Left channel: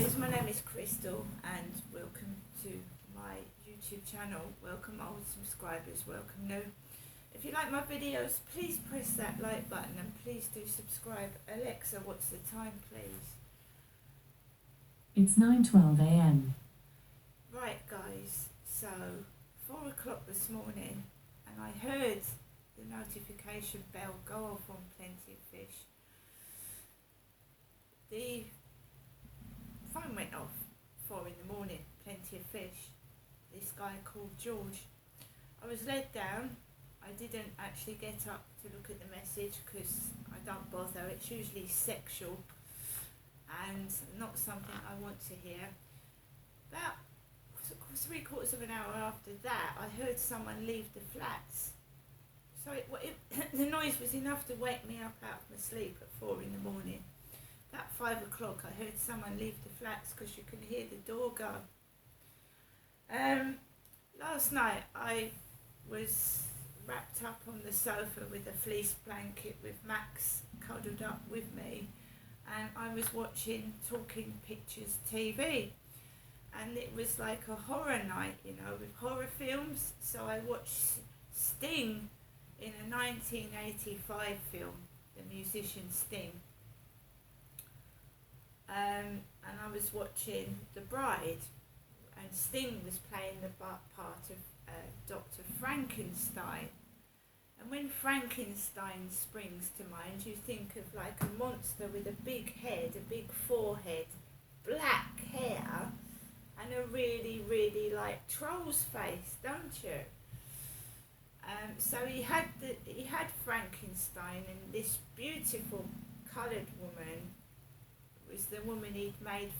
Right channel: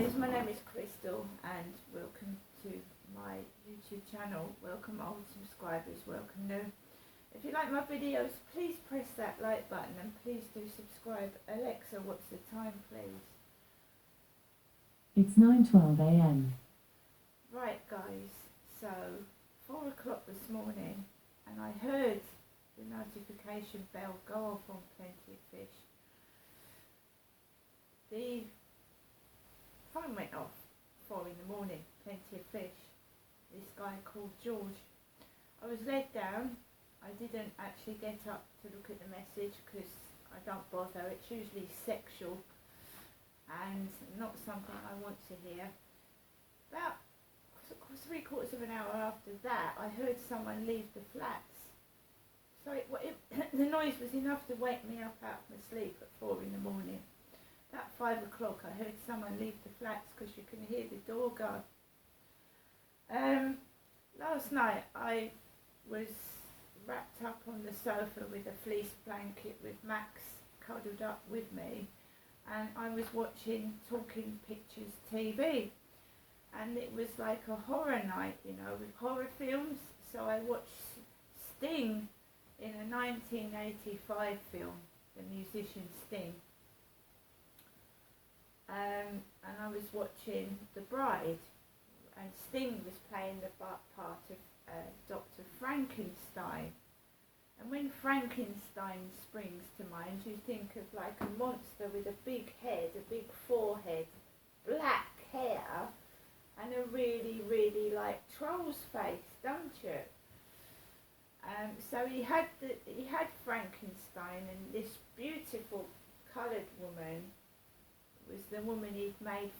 guys, my name is Crystal and welcome to my YouTube channel. Welcome old subscribers, welcome new. If you like my videos, please press that like button and please do subscribe. Alexa, what's the time please? It's 9:12 a.m. Right guys, so 4 o'clock this morning and I heard the notification bell go off on Plenty of Fish. The phone went off 4 in the morning, Plenty of Fish. This guy called George. I was led down. I didn't actually get up to look at the message because I don't bother. It's usually sexual and not something I want to hear. About 3/4 of an hour after that, I heard someone leave the flats. So the noise was enough to wake me up out of my sleep at 4 in the morning. About 5 o'clock I heard someone leave the flats because you can hear the door go. Last night I was wrapped up on the sofa with a fleece blanket with Max cuddled up with me, and I was watching Talking Pictures TV, and it was like a horror night, you know, with horror films. So I watched Sting in a 1985 film, the musician Sting. And I was watching The Bride, and Sting was playing the part of Dr. Frankenstein. And when Frankenstein springs to mind, you think of like a monster with a big head, a big forehead, black hair, and a really, really like troll's face, don't you? So he had Frankenstein, and this beautiful coloured woman was the woman he'd made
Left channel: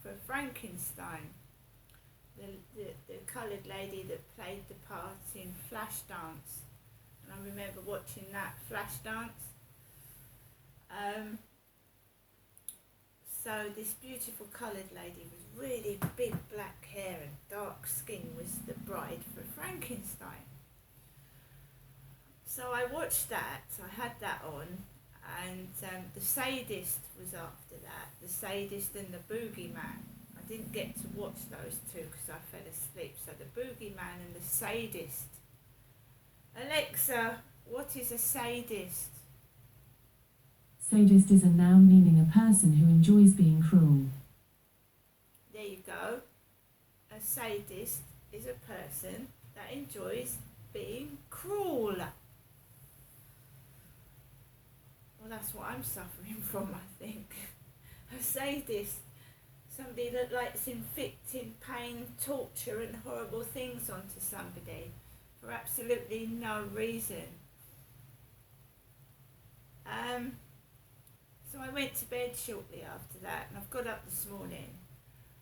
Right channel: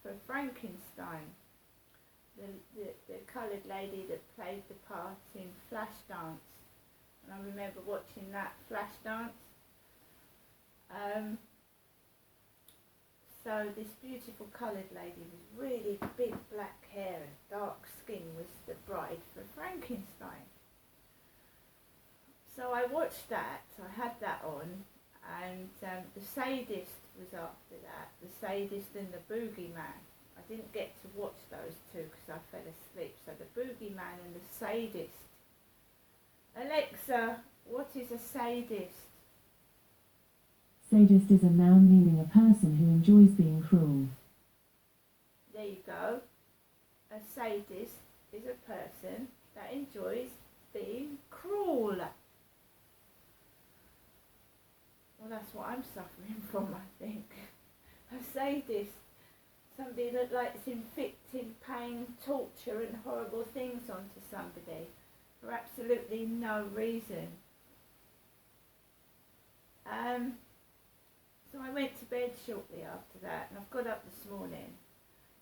for Frankenstein, the coloured lady that played the part in Flashdance, and I remember watching that Flashdance. So this beautiful coloured lady with really big black hair and dark skin was the bride for Frankenstein. So I watched that, I had that on. And The Sadist was after that, The Sadist and The Boogeyman. I didn't get to watch those two because I fell asleep. So The Boogeyman and The Sadist. Alexa, what is a sadist? Sadist is a noun meaning a person who enjoys being cruel. There you go. A sadist is a person that enjoys being cruel. Well, that's what I'm suffering from, I think. A sadist, somebody that likes inflicting pain, torture and horrible things onto somebody for absolutely no reason. So I went to bed shortly after that, and I've got up this morning.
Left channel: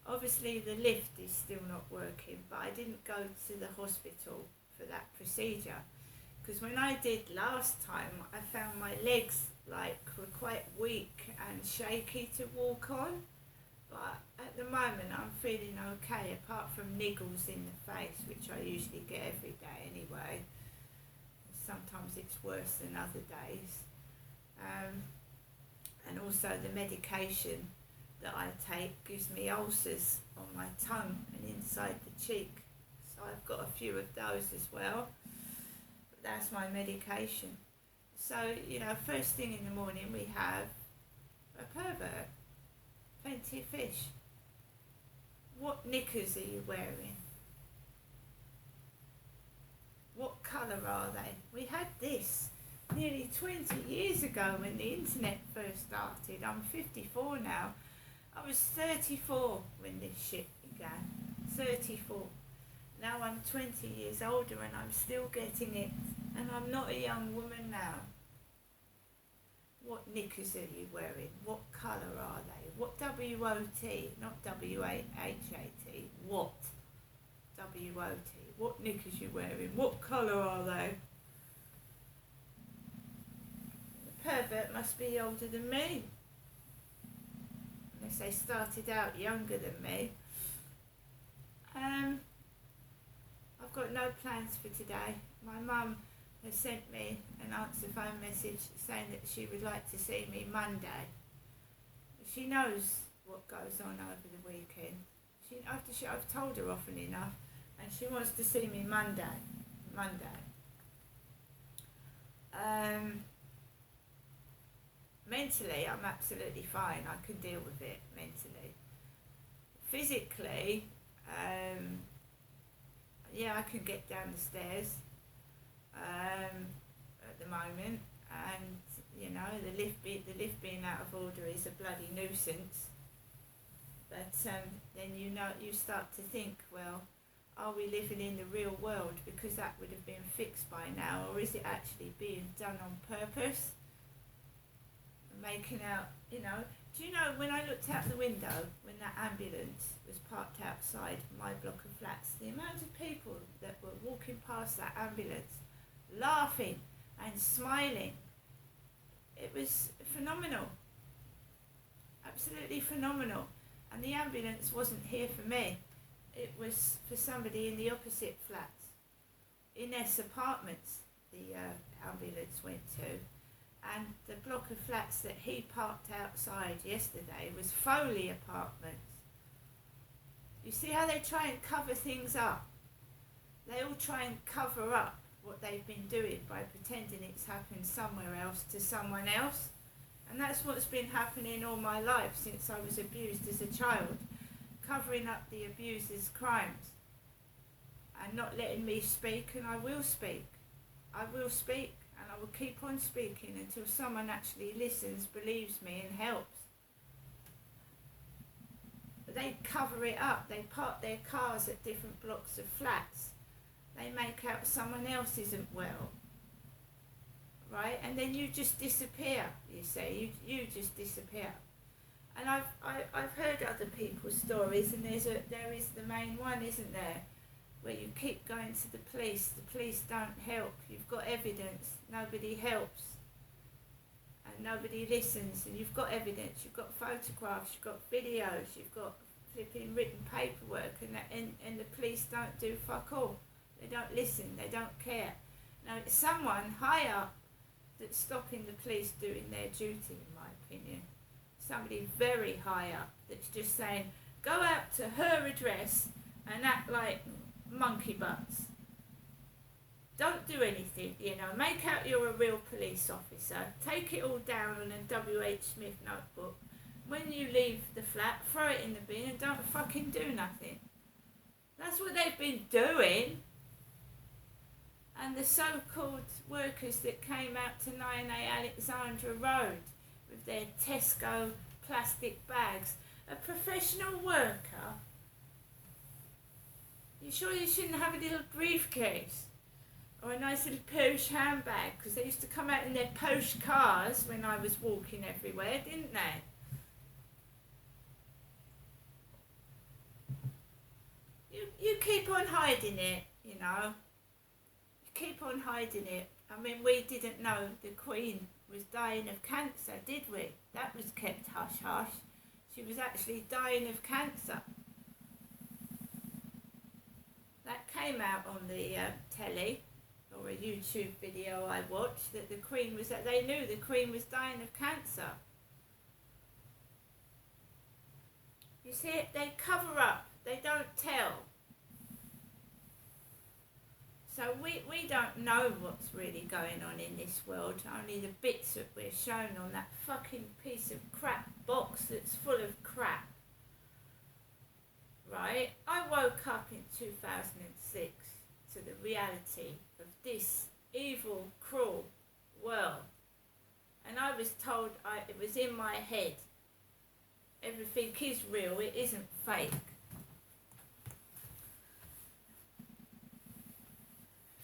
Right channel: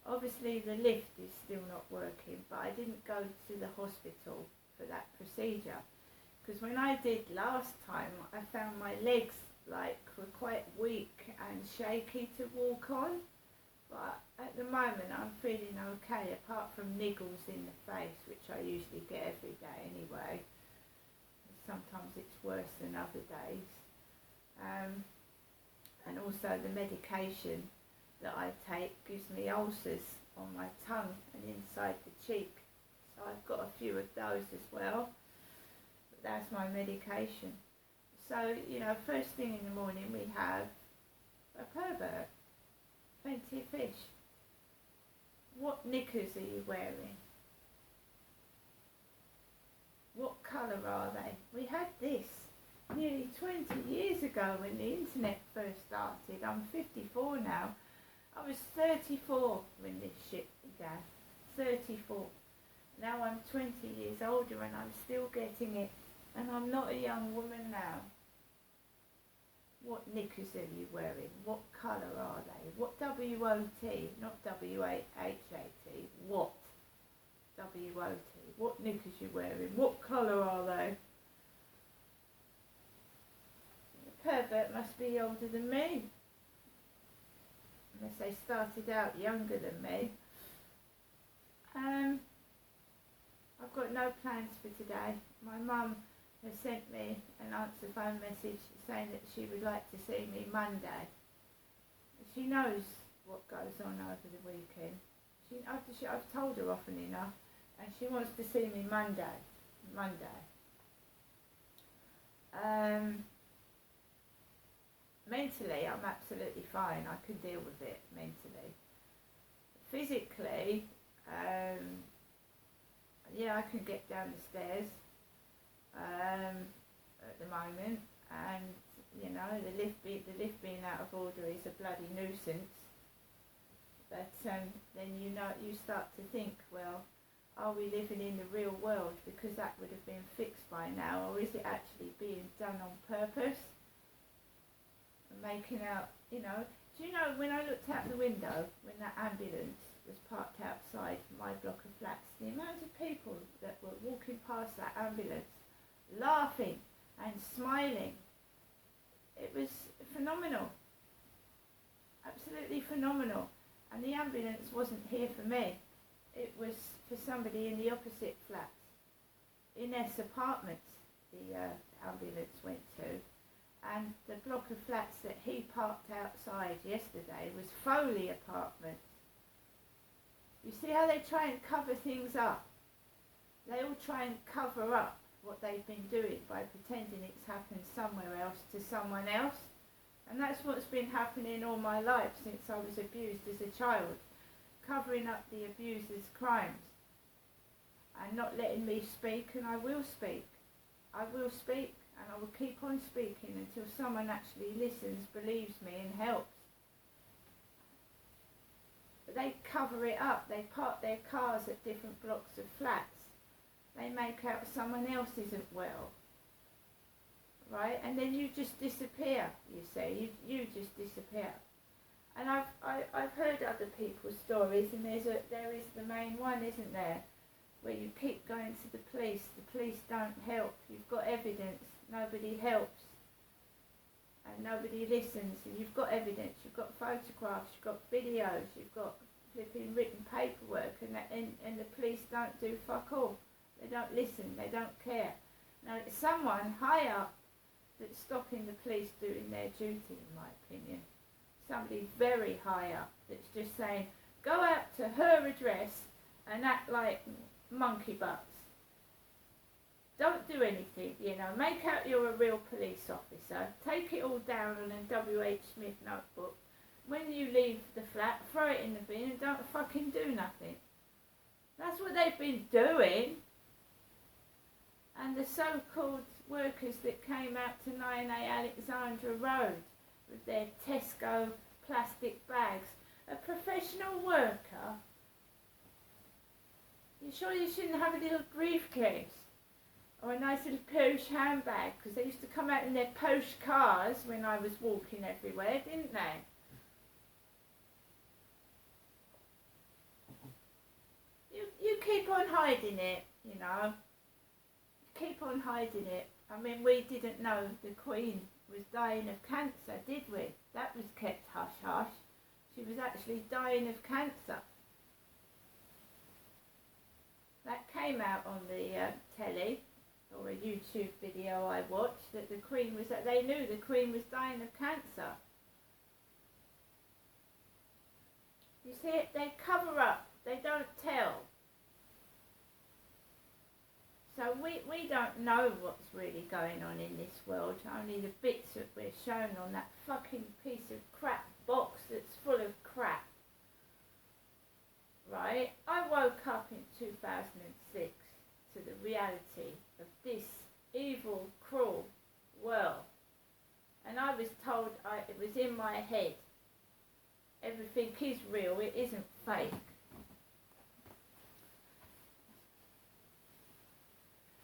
Obviously the lift is still not working, but I didn't go to the hospital for that procedure, because when I did last time I found my legs were quite weak and shaky to walk on, but at the moment I'm feeling okay, apart from niggles in the face, which I usually get every day anyway. Sometimes it's worse than other days, and also the medication that I take gives me ulcers on my tongue and inside the cheek, so I've got a few of those as well, but that's my medication. So, you know, first thing in the morning we have a pervert, Plenty of Fish. What knickers are you wearing? What colour are they? We had this nearly 20 years ago when the internet first started. I'm 54 now. I was 34 when this shit began. 34. Now I'm 20 years older and I'm still getting it. And I'm not a young woman now. What knickers are you wearing? What colour are they? What W-O-T, not W-A-H-A-T, what? W-O-T. What knickers you wearing? What colour are they? The pervert must be older than me. Unless they started out younger than me. I've got no plans for today. My mum has sent me an answer phone message saying that she would like to see me Monday. She knows what goes on over the weekend. I've told her often enough, and she wants to see me Monday. Mentally, I'm absolutely fine. I can deal with it mentally. Physically, yeah, I can get down the stairs at the moment, and you know, the lift being out of order is a bloody nuisance. But then you start to think, well, are we living in the real world? Because that would have been fixed by now, or is it actually being done on purpose? Making out, you know, do you know, when I looked out the window, when that ambulance was parked outside my block of flats, the amount of people that were walking past that ambulance, laughing and smiling, it was phenomenal. Absolutely phenomenal. And the ambulance wasn't here for me. It was for somebody in the opposite flats. Innes Apartments, the ambulance went to. And the block of flats that he parked outside yesterday was Foley Apartments. You see how they try and cover things up? They all try and cover up what they've been doing by pretending it's happened somewhere else to someone else. And that's what's been happening all my life since I was abused as a child. Covering up the abuser's crimes. And not letting me speak, and I will speak. I will speak. And I will keep on speaking until someone actually listens, believes me and helps. But they cover it up. They park their cars at different blocks of flats. They make out someone else isn't well. Right? And then you just disappear, you see. You just disappear. And I've heard other people's stories, and there is the main one, isn't there? Where you keep going to the police don't help, you've got evidence, nobody helps, and nobody listens, and you've got evidence, you've got photographs, you've got videos, you've got flipping written paperwork, and the police don't do fuck all. They don't listen, they don't care. Now it's someone high up that's stopping the police doing their duty, in my opinion. Somebody very high up that's just saying, go out to her address and act like monkey butts. Don't do anything, you know, make out you're a real police officer, take it all down on a W.H. Smith notebook. When you leave the flat, throw it in the bin and don't fucking do nothing. That's what they've been doing. And the so-called workers that came out to 9A Alexandra Road with their Tesco plastic bags, a professional worker. You sure you shouldn't have a little briefcase or a nice little posh handbag? Because they used to come out in their posh cars when I was walking everywhere, didn't they? You keep on hiding it, you know. You keep on hiding it. I mean, we didn't know the Queen was dying of cancer, did we? That was kept hush-hush. She was actually dying of cancer. That came out on the telly, or a YouTube video I watched, that the Queen was, that they knew the Queen was dying of cancer. You see, they cover up, they don't tell. So we don't know what's really going on in this world, only the bits that we're shown on that fucking piece of crap box that's full of crap. Right? I woke up in 2006 to the reality of this evil, cruel world. And I was told it was in my head. Everything is real, it isn't fake.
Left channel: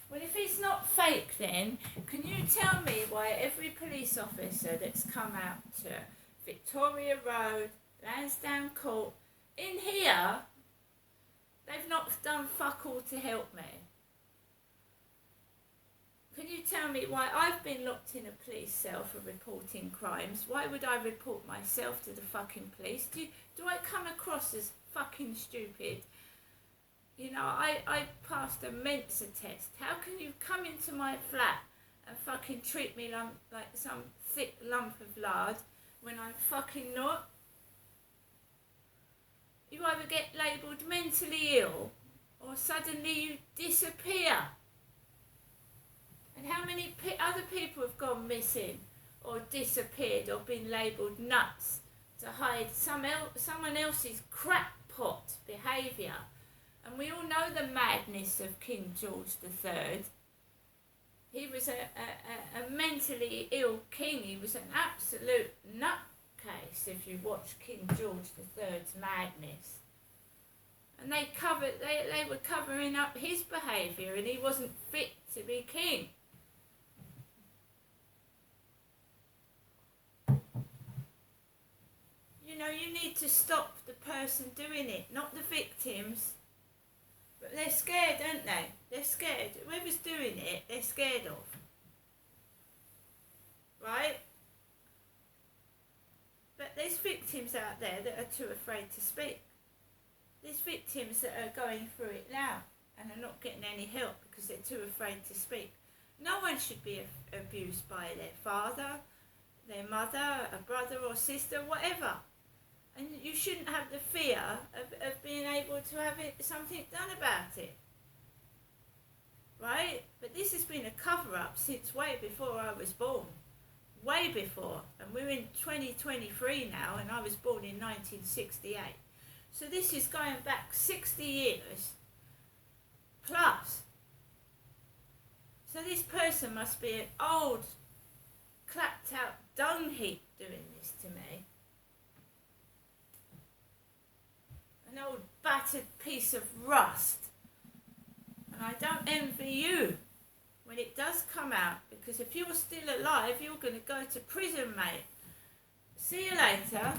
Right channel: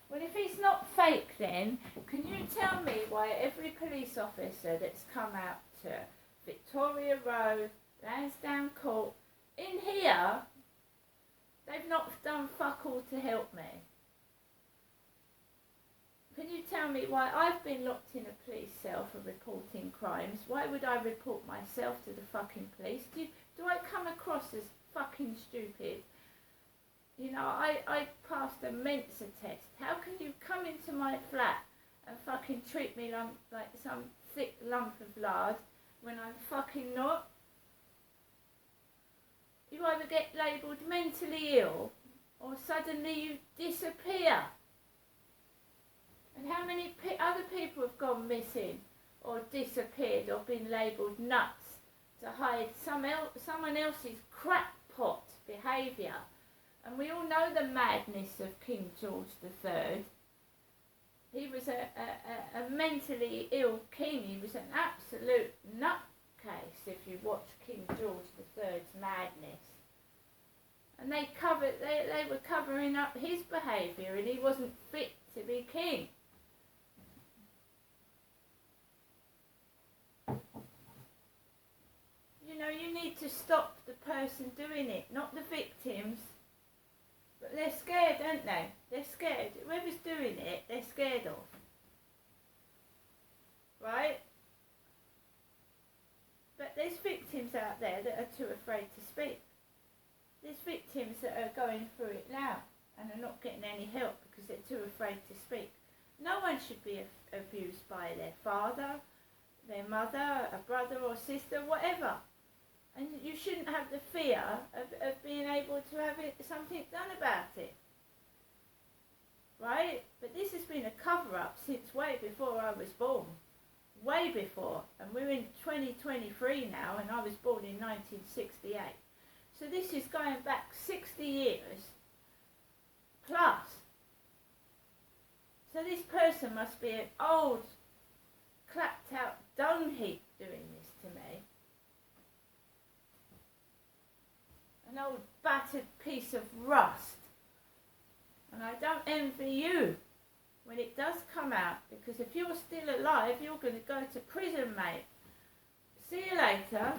Well, if it's not fake then, can you tell me why every police officer that's come out to Victoria Road, Lansdowne Court, in here, they've not done fuck all to help me? Can you tell me why I've been locked in a police cell for reporting crimes? Why would I report myself to the fucking police? Do I come across as fucking stupid? You know, I passed a Mensa test. How can you come into my flat and fucking treat me like some thick lump of lard when I'm fucking not? you either get labelled mentally ill or suddenly you disappear. And how many other people have gone missing or disappeared or been labelled nuts to hide someone else's crackpot behaviour? And we all know the madness of King George III. He was a mentally ill king. He was an absolute nutcase if you watch King George III's madness. And they were covering up his behaviour, and he wasn't fit to be king. You know, you need to stop the person doing it, not the victims. But they're scared, aren't they? They're scared. Whoever's doing it, they're scared of. Right? But there's victims out there that are too afraid to speak. There's victims that are going through it now and are not getting any help because they're too afraid to speak. No one should be abused by their father, their mother, a brother or sister, whatever. And you shouldn't have the fear of being able to have something done about it. Right? But this has been a cover-up since way before I was born. Way before. And we're in 2023 now, and I was born in 1968. So this is going back 60 years plus. So this person must be an old, clapped-out dung heap doing this to me. An old battered piece of rust. And I don't envy you when it does come out, because if you're still alive, you're going to go to prison, mate. See you later.